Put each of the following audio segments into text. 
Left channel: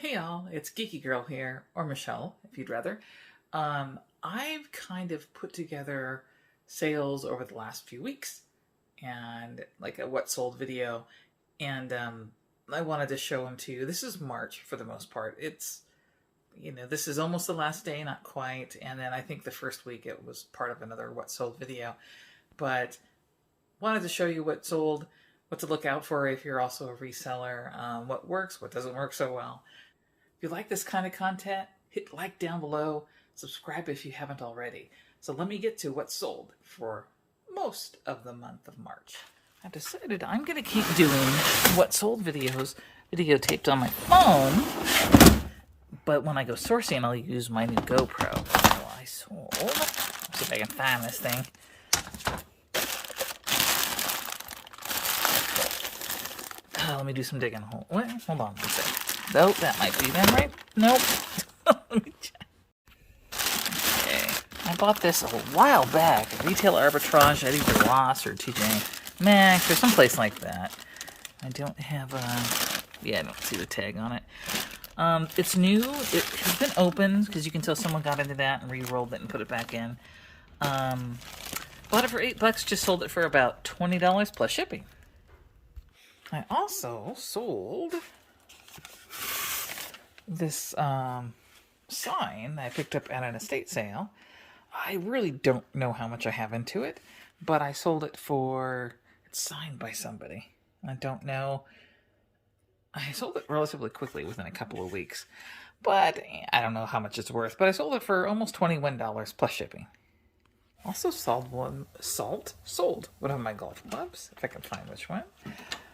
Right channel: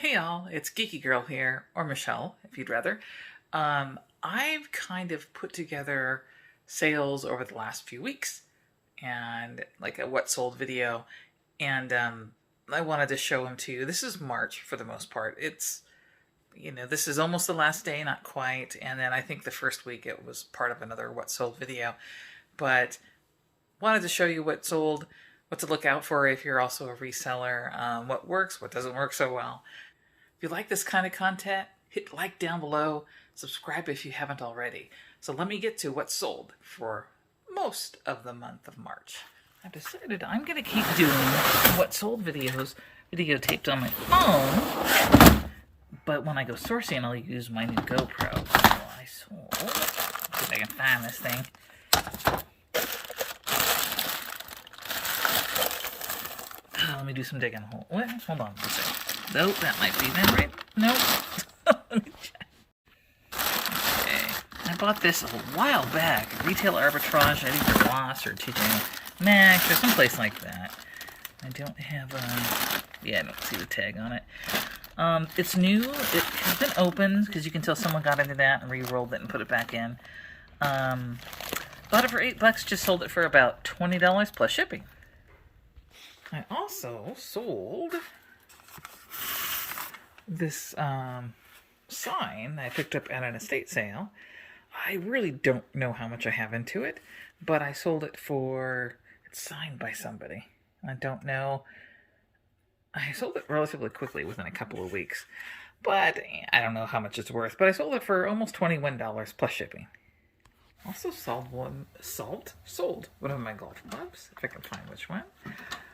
Hey y'all, it's Geeky Girl here, or Michelle, if you'd rather. I've kind of put together sales over the last few weeks, and like a what sold video, and I wanted to show them to you. This is March for the most part. This is almost the last day, not quite, and then I think the first week it was part of another what sold video, but wanted to show you what sold, what to look out for if you're also a reseller, what works, what doesn't work so well. If you like this kind of content, hit like down below, subscribe if you haven't already. So let me get to what's sold for most of the month of March. I decided I'm going to keep doing what sold videos videotaped on my phone, but when I go sourcing, I'll use my new GoPro. So I sold, let's see if I can find this thing. Let me do some digging. Hold on one second. Nope, that might be them, right? Nope. Let me check. Okay. I bought this a while back. Retail arbitrage at either Ross or Max or someplace like that. I don't have I don't see the tag on it. It's new. It has been opened because you can tell someone got into that and re-rolled it and put it back in. Bought it for $8, just sold it for about $20 plus shipping. I also sold this sign I picked up at an estate sale. I really don't know how much I have into it, but I sold it for, it's signed by somebody. I don't know. I sold it relatively quickly within a couple of weeks, but I don't know how much it's worth, but I sold it for almost $21 plus shipping. Also sold one of my golf clubs, if I can find which one.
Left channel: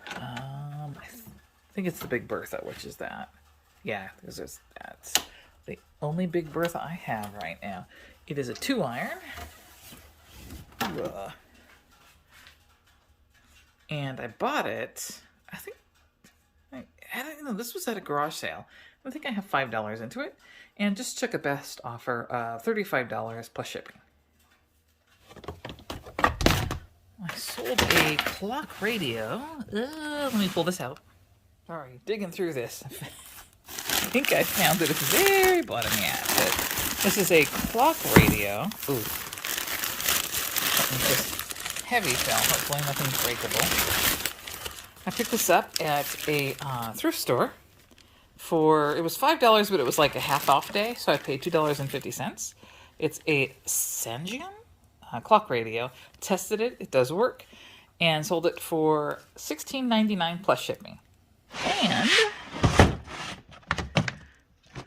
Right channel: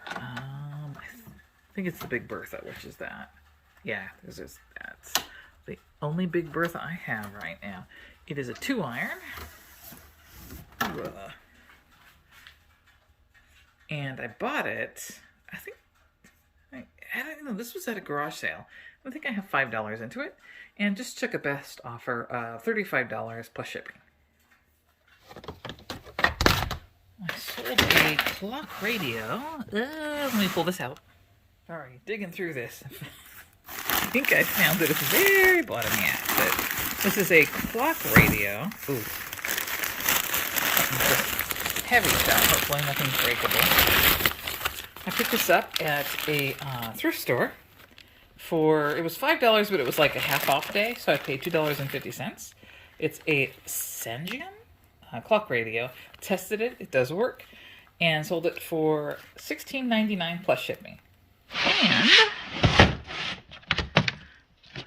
I think it's the Big Bertha, which is that. Yeah, that's the only Big Bertha I have right now. It is a 2-iron. And I bought it, I don't know, this was at a garage sale. I think I have $5 into it, and just took a best offer of $35 plus shipping. I sold a clock radio. Let me pull this out. Sorry, digging through this. I think I found it at the very bottom. Yeah, but this is a clock radio. Ooh. Something just heavy stuff. Hopefully nothing breakable. I picked this up at a thrift store for, it was $5, but it was like a half off day, so I paid $2.50. It's a Sanjian clock radio. Tested it, it does work, and sold it for $16.99 plus shipping. And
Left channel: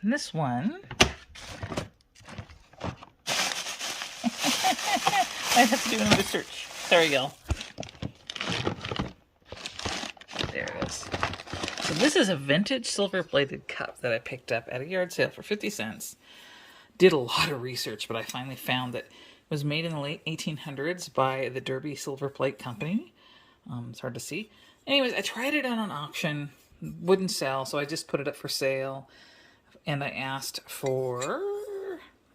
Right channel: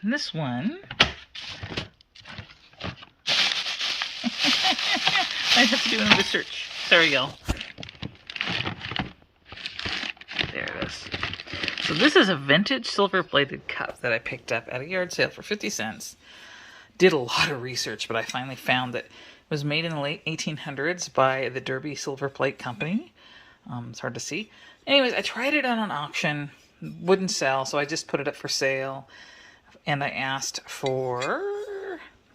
this one, I have to do another search. Sorry, y'all. There it is. So this is a vintage silver-plated cup that I picked up at a yard sale for 50 cents. Did a lot of research, but I finally found that it was made in the late 1800s by the Derby Silver Plate Company. It's hard to see. Anyways, I tried it on an auction. Wouldn't sell, so I just put it up for sale. And I asked for,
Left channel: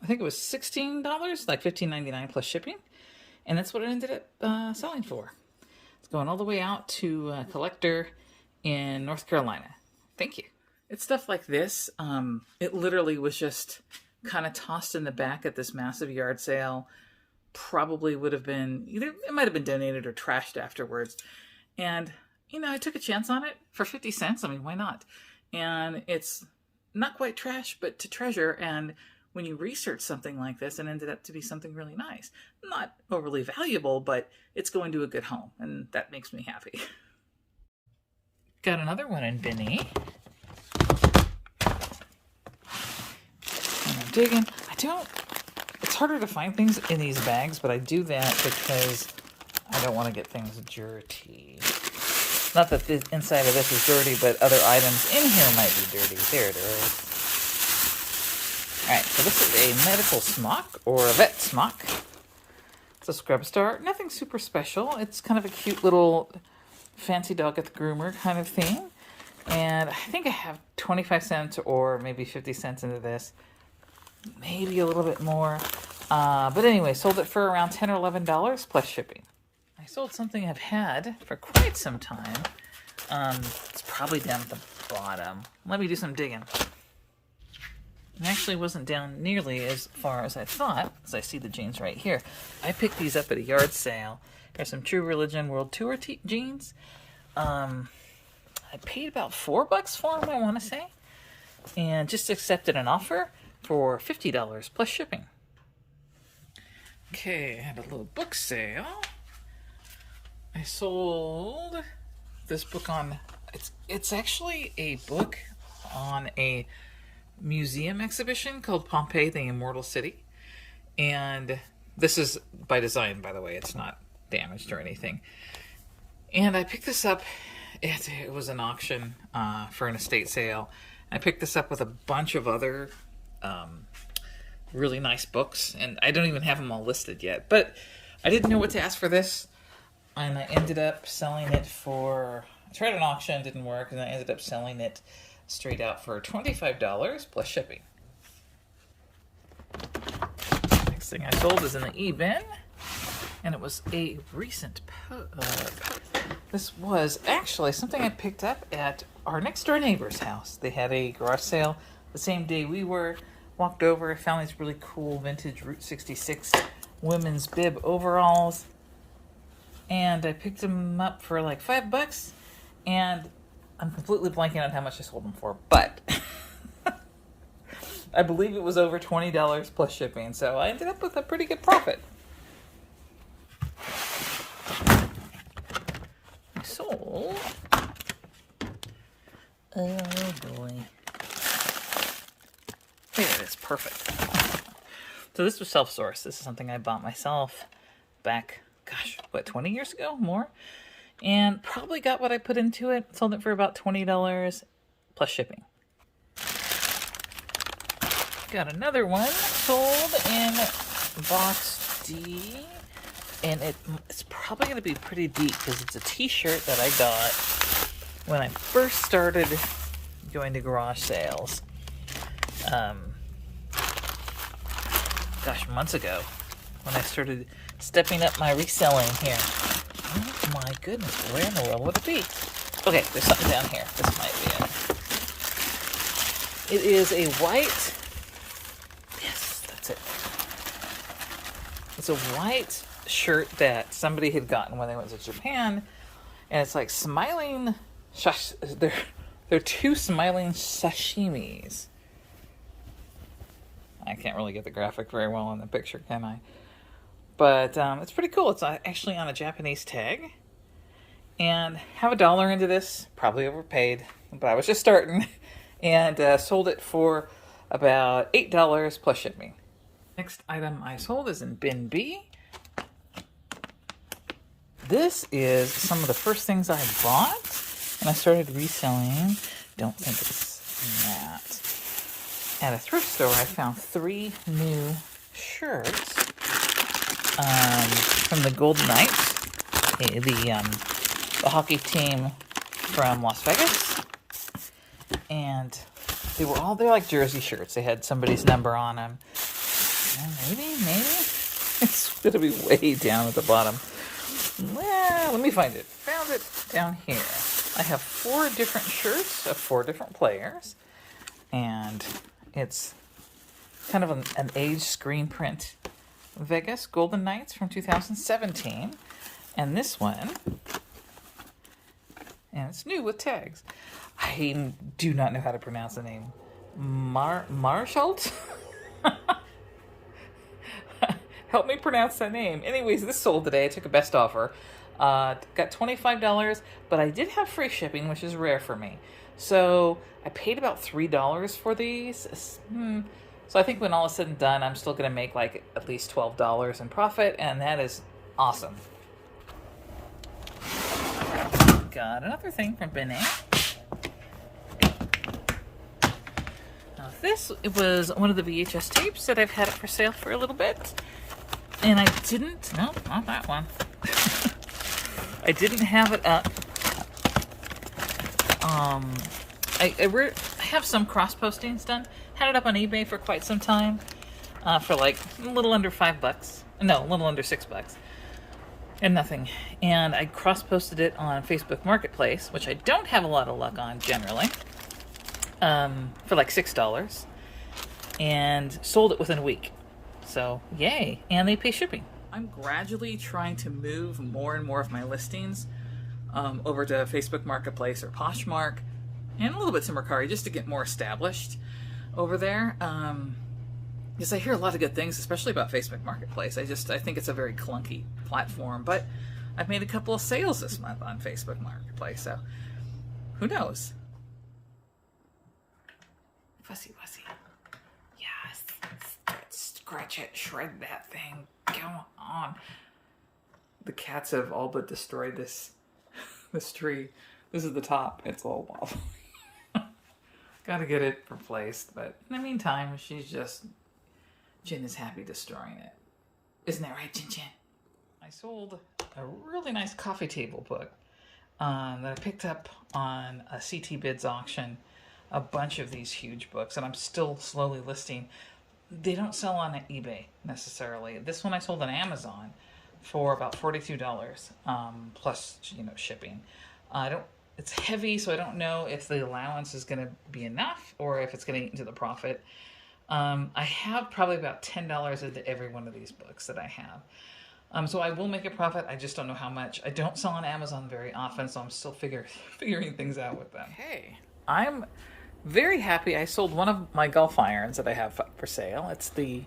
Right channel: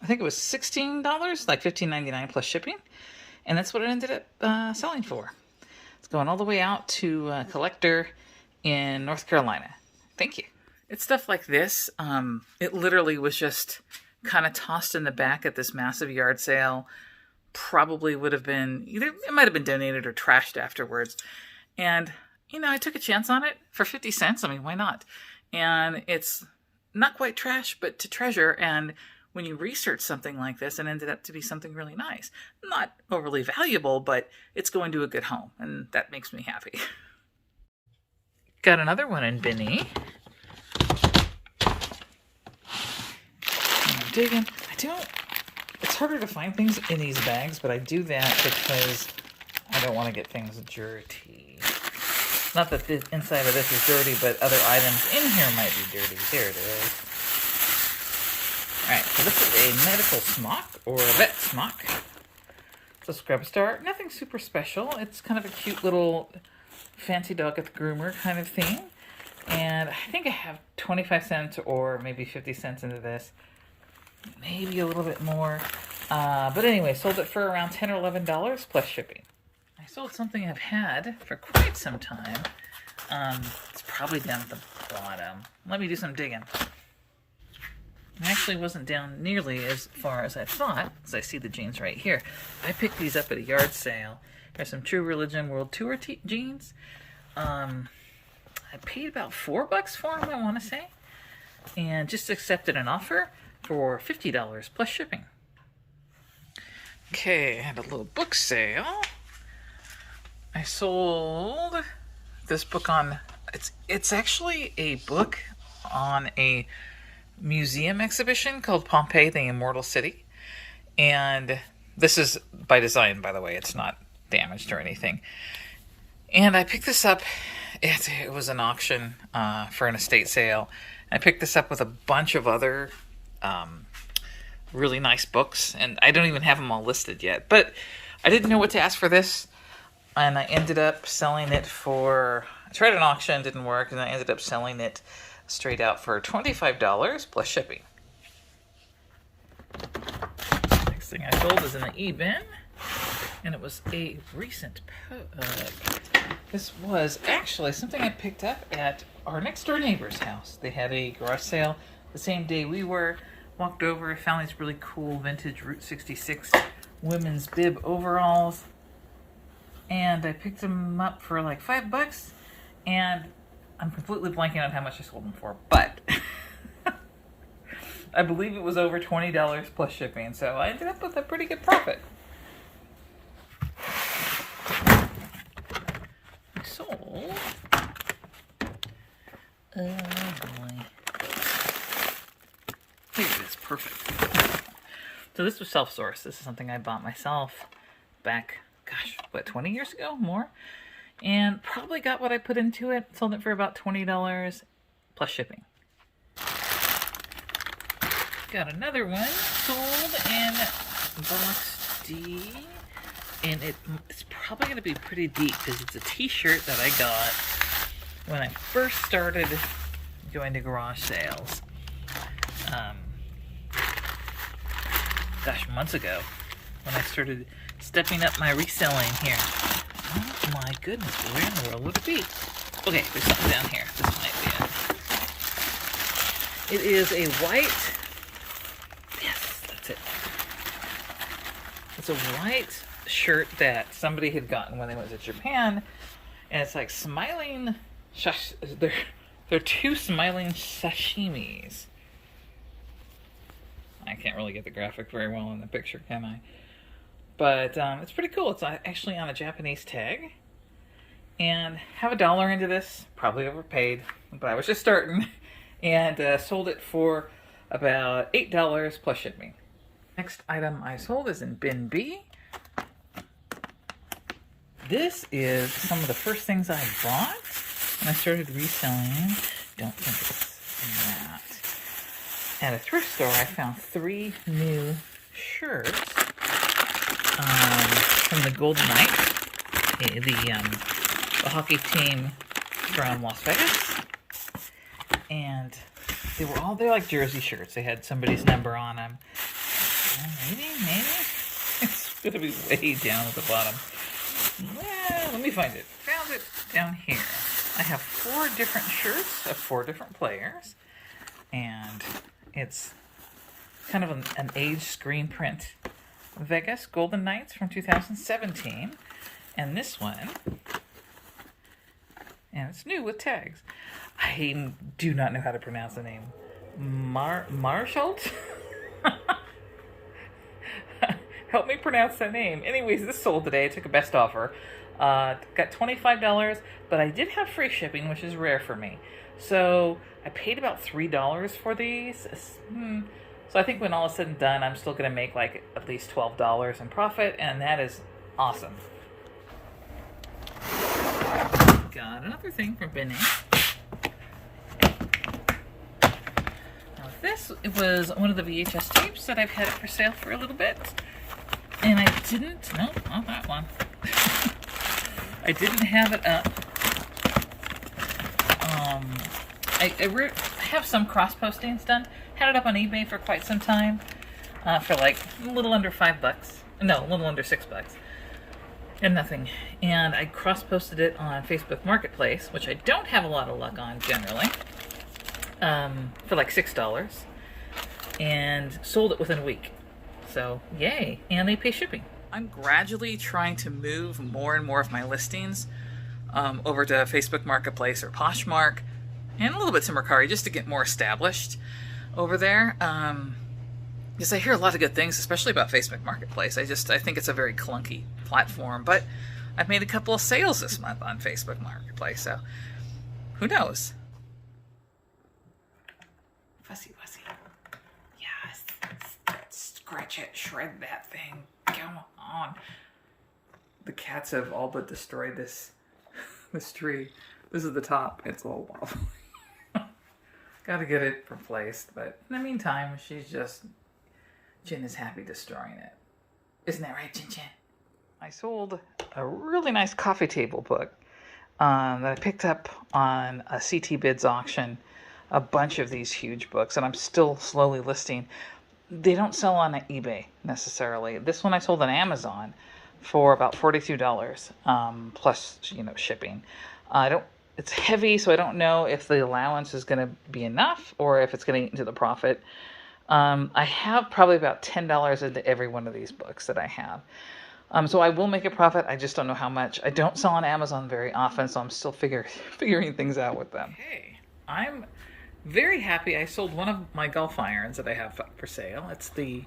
I think it was $16, like $15.99 plus shipping. And that's what it ended up selling for. It's going all the way out to a collector in North Carolina. Thank you. It's stuff like this. It literally was just kind of tossed in the back at this massive yard sale. Probably would have been, either it might have been donated or trashed afterwards. And, I took a chance on it for 50 cents. I mean, why not? And it's not quite trash, but to treasure. And when you research something like this, it ended up to be something really nice. Not overly valuable, but it's going to a good home. And that makes me happy. Got another one in Binny. Digging. It's harder to find things in these bags, but I do that because I don't want to get things dirty. Not that the inside of this is dirty, but other items in here might be dirty. There it is. Alright, so this is a medical smock, or a vet smock. It's a scrub star. Nothing super special. It's kind of a cute little fancy dog at the groomer kind of thing. And I think I have 25 cents or maybe 50 cents into this. Maybe a little bit more. But anyway, sold it for around $10 or $11 plus shipping. I sold something I've had for quite some time. It's probably down at the bottom. Let me do some digging. It actually wasn't down nearly as far as I thought, as I see the jeans right here. I picked these up at a yard sale. There's some True Religion World Tour jeans. I paid about $4 for them, I want to say. And just accepted an offer for $50 plus shipping. Okay, I had a little book sale. I sold this book on... It's actually a book on a museum exhibition called Pompeii, the Immortal City. And this is by design, by the way. It's not damaged or anything. And I picked this up. It was an auction for an estate sale. I picked this up with a bunch of other really nice books. And I don't even have them all listed yet. But I didn't know what to ask for this. And I ended up selling it for... I tried an auction, didn't work. And I ended up selling it straight out for $25 plus shipping. Next thing I sold is in the e-bin, and it was a recent this was actually something I picked up at our next door neighbor's house. They had a garage sale the same day we were. Walked over, found these really cool vintage Route 66 women's bib overalls, and I picked them up for like $5, and I'm completely blanking on how much I sold them for, but I believe it was over $20 plus shipping, so I ended up with a pretty good profit. I sold... Oh boy. Here it is, perfect. So this was self-sourced. This is something I bought myself back, gosh, what, 20 years ago? More? And probably got what I put into it. Sold it for about $20 plus shipping. Got another one sold in box D. And it's probably going to be pretty deep because it's a t-shirt that I got when I first started going to garage sales. Gosh, months ago when I started stepping up my reselling here. Oh my goodness, where in the world would it be? Okay, there's something down here. This might be it. It is a white... Yes, that's it. It's a white shirt that somebody had gotten when they went to Japan. And it's like smiling... They're two smiling sashimis. I can't really get the graphic very well in the picture, can I? But it's pretty cool. It's actually on a Japanese tag. And have $1 into this. Probably overpaid. But I was just starting. And sold it for about $8 plus shipping. Next item I sold is in bin B. This is some of the first things I bought when I started reselling. Don't think it's that. At a thrift store, I found 3 new shirts from the Golden Knights, the hockey team from Las Vegas. And they're like jersey shirts. They had somebody's number on them. And maybe it's gonna be way down at the bottom. Well, let me find it. Found it down here. I have 4 different shirts of 4 different players, and it's kind of an age screen print. Vegas Golden Knights from 2017, and this one, and it's new with tags. I do not know how to pronounce the name. Marschalt? Help me pronounce that name. Anyways, this sold today. I took a best offer. Got $25, but I did have free shipping, which is rare for me. So I paid about $3 for these. So I think when all is said and done, I'm still going to make like at least $12 in profit, and that is awesome. Got another thing from Bin A. Now this was one of the VHS tapes that I've had it for sale for a little bit. And I didn't, no, not that one. I didn't have it up. I have some cross postings done. Had it up on eBay for quite some time. For like a little under $5. No, a little under $6. and nothing. And I cross-posted it on Facebook Marketplace, which I don't have a lot of luck on generally, for like $6, and sold it within a week. So yay, and they pay shipping. I'm gradually trying to move more and more of my listings over to Facebook Marketplace or Poshmark, and a little bit to Mercari, just to get more established over there. Because I hear a lot of good things, especially about Facebook Marketplace. I think it's a very clunky platform, but I've made a couple of sales this month on Facebook Marketplace, so who knows? Fussy, fussy. Yes. Scratch it, shred that thing. Come on. The cats have all but destroyed this tree. This is the top. It's all wobbly. Gotta get it replaced, but in the meantime, Jin is happy destroying it. Isn't that right, Jin Jin? I sold a really nice coffee table book that I picked up on a CT Bids auction. A bunch of these huge books, and I'm still slowly listing. They don't sell on eBay necessarily. This one I sold on Amazon for about $42, plus shipping. It's heavy, so I don't know if the allowance is going to be enough or if it's going to eat into the profit. I have probably about $10 into every one of these books that I have. So I will make a profit. I just don't know how much. I don't sell on Amazon very often, so I'm still figuring things out with them. Hey, I'm very happy. I sold one of my golf irons that I have for sale. It's the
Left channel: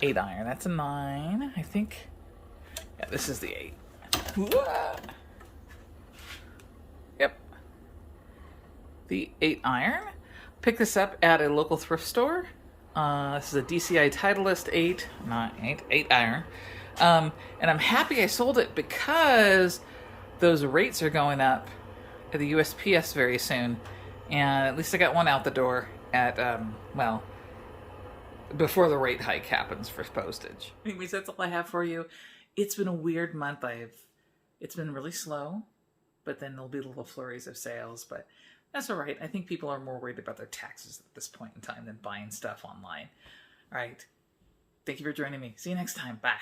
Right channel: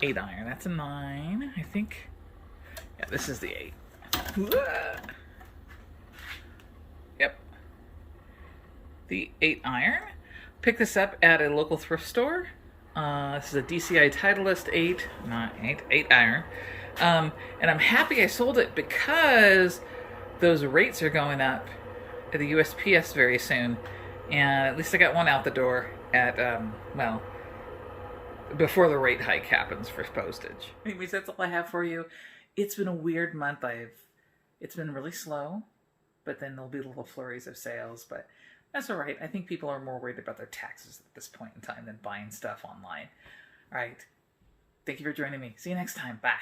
8 iron. That's a 9, I think. Yeah, this is the 8. Yep. The 8 iron. Picked this up at a local thrift store. This is a DCI Titleist 8 iron. And I'm happy I sold it because those rates are going up at the USPS very soon. And at least I got one out the door at, before the rate hike happens for postage. Anyways, that's all I have for you. It's been a weird month. It's been really slow, but then there'll be little flurries of sales, but that's all right. I think people are more worried about their taxes at this point in time than buying stuff online. All right. Thank you for joining me. See you next time. Bye.